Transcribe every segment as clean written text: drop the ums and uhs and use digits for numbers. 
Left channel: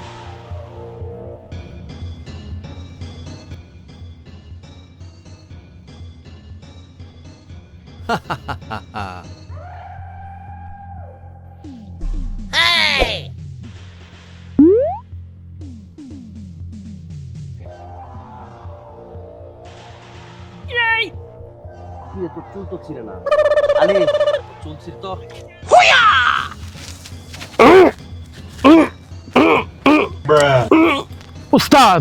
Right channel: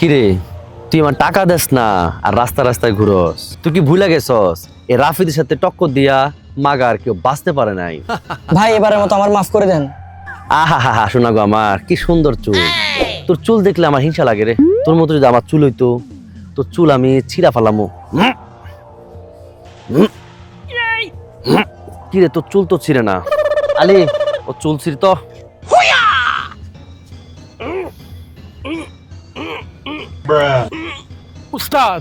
কিরে, তুই আমার টাকা দেস না আর রাস্তা রাস্তায় ঘুরস? তুই কি ভুলে গেছস এই রাফিদের সাথে টক্কর দিয়া মাগার কেউ বাঁচতে পারে নাই? ভাই এবারের মতো আমার মাফ করে দেন। আহা হা হা, শোনা গো আমার কি সুন্দর চুল। তোর চুল দেখলে আমার হিংসা লাগে রে। তোর মতো যদি আমার চুল হইতো, তোর চুল আমি ছিঁড়া ফেলামো। কিরে, তোর চুল তো ছিঁড়ে না। আলি, ও চুল ছিঁড় তো। উস্তাদ,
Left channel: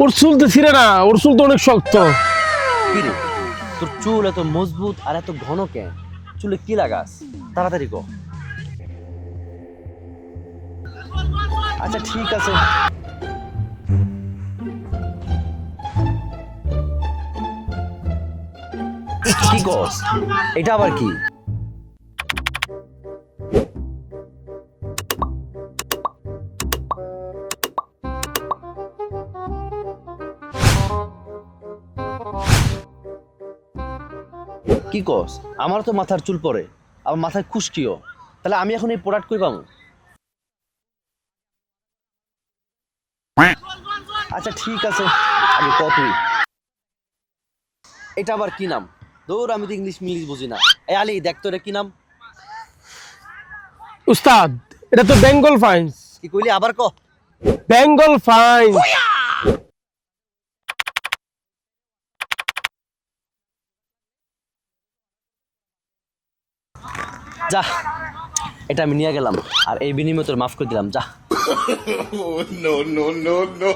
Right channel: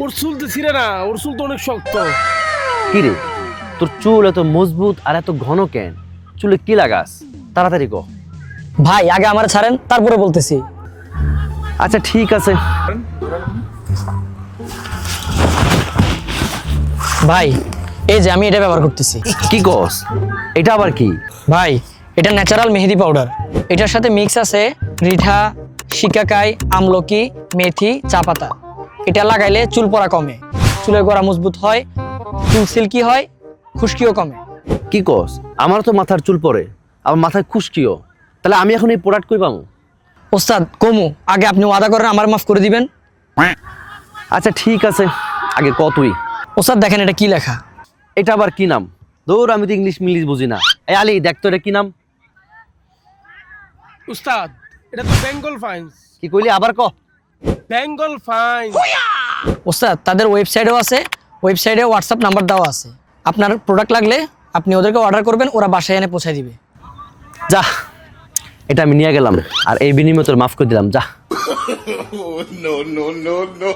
ওর চুল তো ছিঁড়ে না, ওর চুল তো অনেক শক্ত। কিরে, তোর চুল এত মজবুত আর এত ঘন কেন? চুলে কি লাগাস? তাড়াতাড়ি কো। ভাই আগে আমার ছাড়েন, তারপরে বলতেছি। আচ্ছা ঠিক আছে। ভাই এই যে আমি এটা ব্যবহার করতেছি। কি কস? এটা আবার কি? ভাই এটা ন্যাচারাল মেহেদি পাউডার। এটার সাথে মিক্স আছে রিঠা, শিকাকাই, আমলকি, মেথি, চা পাতা। এটা লাগাইলে চুল পড়া কমে, চুলের গোড়া মজবুত হয়, চুল সিল্কি হয়, খুশকিও কমে। কি কস? আমার তো মাথার চুল পড়ে, আমার মাথায় খুশকিও। তাহলে আমি এখন এই প্রোডাক্ট কই পাবো? ওস্তাদ কমু, আগে আপনি ওয়াদা করেন আমার মাফ করে দিবেন। আচ্ছা ঠিক আছে, আগে ক তুই। ওস্তাদ দেখেন এটা কি লেখা। এটা আবার কি নাম? দৌড়, আমি তো ইংলিশ মিলিশ বুঝি না। এই আলি, দেখ তো এটা কি নাম? উস্তাদ, এটা তো বেঙ্গল ফাইন্স। কি কইলি আবার ক? বেঙ্গল ফাইন্স। ওস্তাদ তাদের ওয়েবসাইটও আছে, ওয়েবসাইটে হোয়াটসঅ্যাপ নাম্বার দেওয়া আছে। আপনার প্রোডাক্ট লাগলে আপনি ওদেরকে অর্ডার করবেন, ওরা বাসায় এনে পৌঁছে দিবে। যা, এটা আমি নিয়ে গেলাম আর এই বিনিময়ে তোর মাফ করে দিলাম। যা। Oh, no, no, no, no.